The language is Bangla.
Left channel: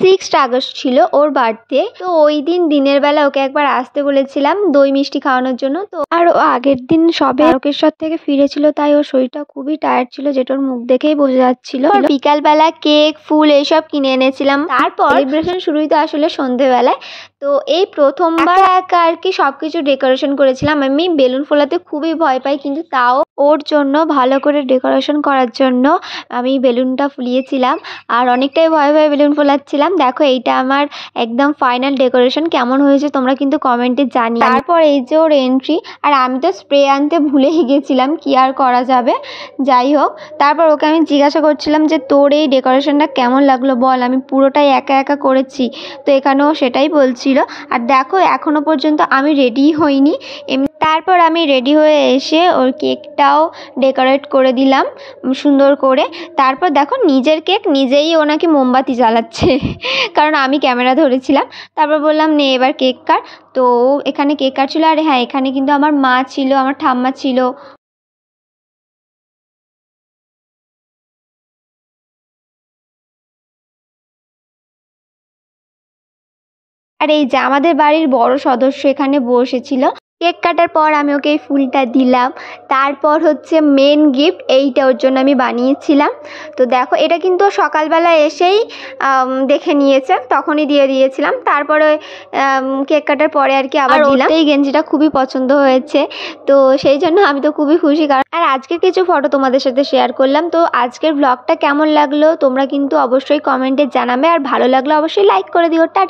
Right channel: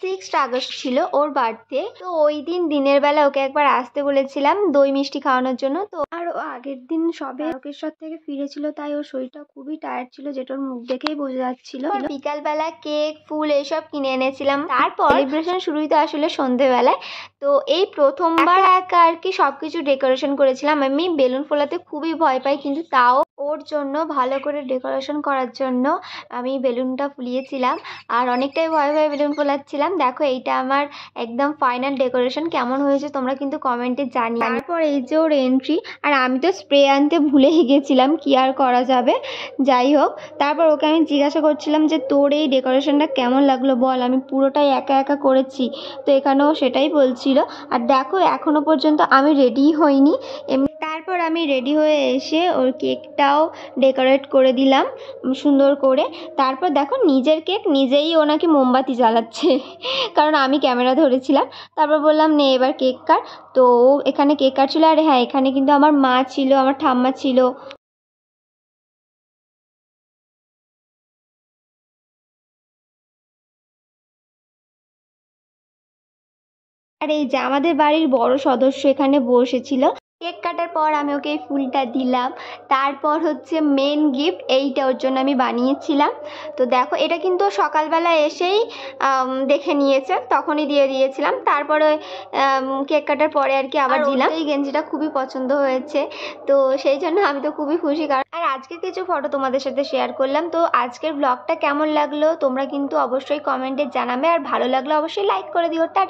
6th আগস্ট ছিল ওর বার্থডে। তো ওই দিন দিনের বেলা ওকে একবার আসতে বলেছিলাম দই মিষ্টি খাওয়ানোর জন্য। তো আর ও আগের দিন সবে তারকেশ্বর থেকে ফিরেছিল, তাই ওর শরীরটা খুবই টায়ার্ড ছিল, যেটা ওর মুখ দেখেই বোঝা যাচ্ছিল। বিকালবেলা কেক ফুল এইসব কিনে এনেছিলাম। তারপর সেলিব্রেশন শুরুই তো আসলে সন্ধেবেলায়। তো এই প্রথমবার একা আর কি সবকিছু ডেকোরেশন করেছিলাম। আমি বেলুন ফোলাতে খুবই ভয় পাই, কিন্তু তাও ওর জন্য ভালো করে ডেকোরেশন করার জন্য আমি বেলুনটা ফুলিয়েছিলাম আর অনেকটাই ভয়ে ভয়ে বেলুন ফোলাচ্ছিলাম। দেখো এইটা আমার একদম ফাইনাল ডেকোরেশন। কেমন হয়েছে তোমরা কিন্তু কমেন্টে জানিও। তারপর এই যে ওর এন্ট্রি, আর আমি তো স্প্রে আনতে ভুলেই গেছিলাম, কি আর করা যাবে। যাই হোক, তারপর ওকে আমি জিজ্ঞাসা করছিলাম যে তোর এই ডেকোরেশনটা কেমন লাগলো বল, আমি পুরোটাই একা একা করেছি। তো এখানেও সেটাই বলছিল। আর দেখো এখনো পর্যন্ত আমি রেডি হইনি। তারপর আমি রেডি হয়ে এসে ওর কেকটাও ডেকোরেট করে দিলাম সুন্দর করে। তারপর দেখো নিজের কেক নিজেই ও নাকি মোমবাতি জ্বালাচ্ছে কারণ আমি ক্যামেরা ধরেছিলাম। তারপর বললাম নে এবার কেক কাট। তো এখানে কেক কাটছিল। আর হ্যাঁ, এখানে কিন্তু আমার মা ছিল, আমার ঠাম্মা ছিল। আর এই যে আমাদের বাড়ির বড় সদস্য এখানে বসেছিল। কেক কাটার পর আমি ওকে এই ফুলটা দিলাম। তারপর হচ্ছে মেন গিফট, এইটা ওর জন্য আমি বানিয়েছিলাম। তো দেখো এটা কিন্তু সকালবেলা এসেই দেখে নিয়েছে, তখনই দিয়ে দিয়েছিলাম। তারপরে কেক কাটার পরে আর কি আবার দিলাম। এই গেঞ্জিটা খুবই পছন্দ হয়েছে, তো সেই জন্য আমি তো খুবই খুশি। কারণ আর আজকের কিছু ফটো তোমাদের সাথে শেয়ার করলাম। তো আজকের ব্লগটা কেমন লাগলো তোমরা কিন্তু অবশ্যই কমেন্টে জানাবে, আর ভালো লাগলো অবশ্যই লাইক করে দিও। টাটা।